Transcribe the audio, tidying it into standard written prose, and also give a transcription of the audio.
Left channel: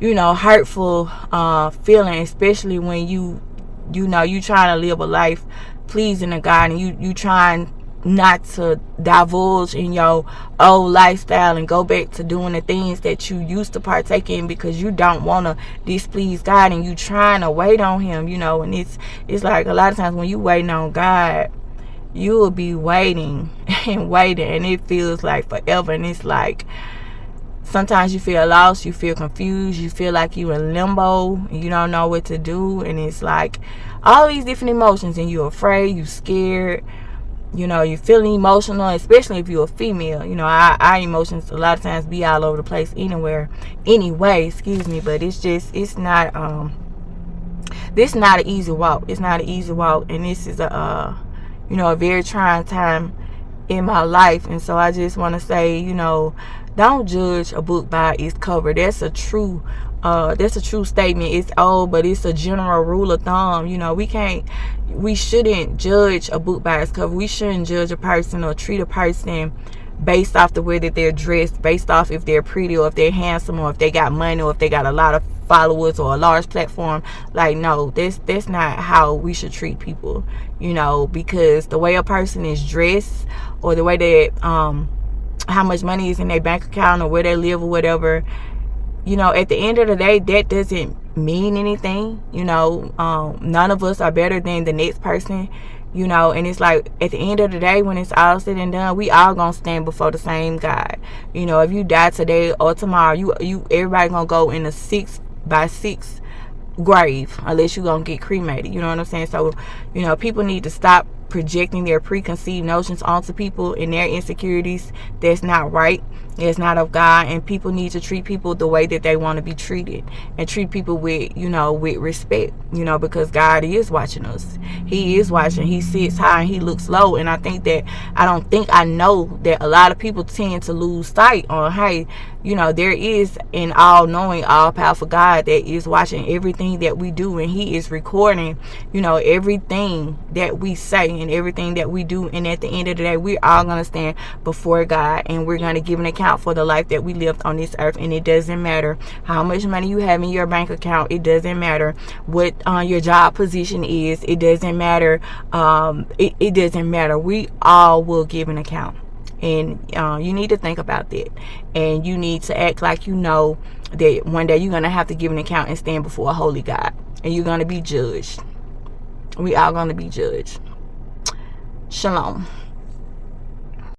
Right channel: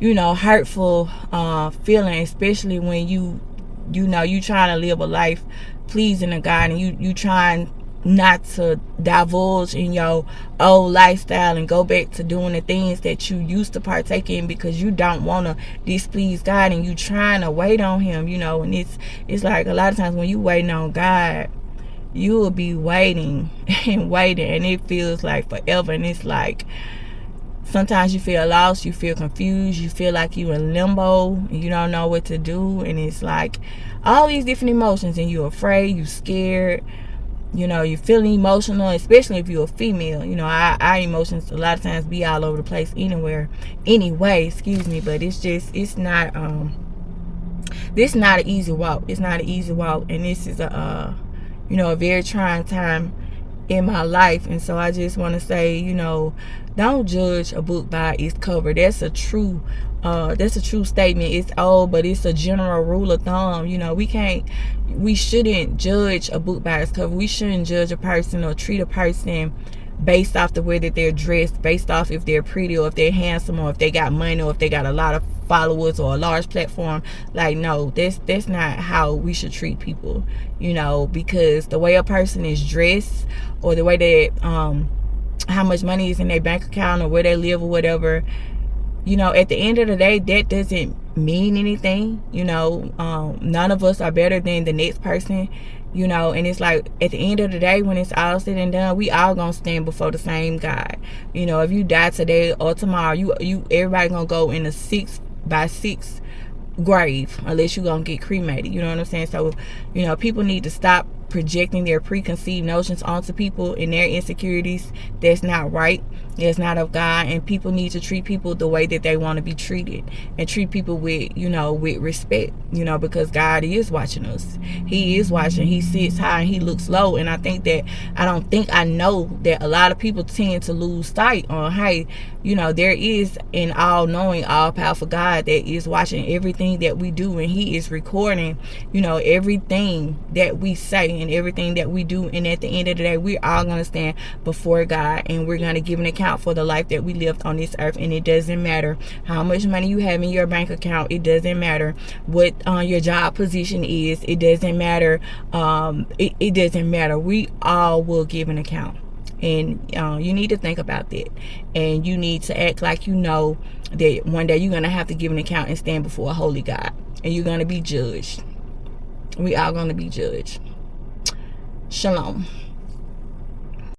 hurtful feeling, especially when you trying to live a life pleasing to God, and you trying not to divulge in your old lifestyle and go back to doing the things that you used to partake in because you don't want to displease God, and you trying to wait on him, and it's like a lot of times when you waiting on God, you will be waiting and waiting, and it feels like forever, and it's like sometimes you feel lost, you feel confused, you feel like you in limbo, and you don't know what to do, and it's like all these different emotions, and you're afraid, you scared, you're feeling emotional, especially if you're a female. Our emotions a lot of times be all over the place anyway, but it's not this is not an easy walk. It's not an easy walk, and this is a very trying time in my life. And so I just want to say, don't judge a book by its cover. That's a true statement. It's old, but it's a general rule of thumb. We shouldn't judge a book by its cover. We shouldn't judge a person or treat a person based off the way that they're dressed, based off if they're pretty or if they're handsome or if they got money or if they got a lot of followers or a large platform. Like, no, that's not how we should treat people, because the way a person is dressed or the way that how much money is in their bank account or where they live or whatever, at the end of the day, that doesn't mean anything. None of us are better than the next person, and it's like at the end of the day, when it's all said and done, we all gonna stand before the same God. If you die today or tomorrow, everybody gonna go in a 6x6 grave unless you gonna get cremated. You know what I'm saying? So people need to stop projecting their preconceived notions onto people and their insecurities. That's not right. It's not of God, and people need to treat people the way that they want to be treated, and treat people with respect, because God is watching us. He is watching. He sits high and he looks low. And I know that a lot of people tend to lose sight on, hey, there is an all-knowing, all-powerful God that is watching everything that we do, and he is recording, everything that we say and everything that we do. And at the end of the day, we're all going to stand before God, and we're going to give an account for the life that we lived on this earth. And it doesn't matter how much money you have in your bank account. It doesn't matter what your job position is. It doesn't matter. It doesn't matter. We all will give an account. And you need to think about that, and you need to act like that one day you're going to have to give an account and stand before a holy God, and you're going to be judged. We all going to be judged. Shalom.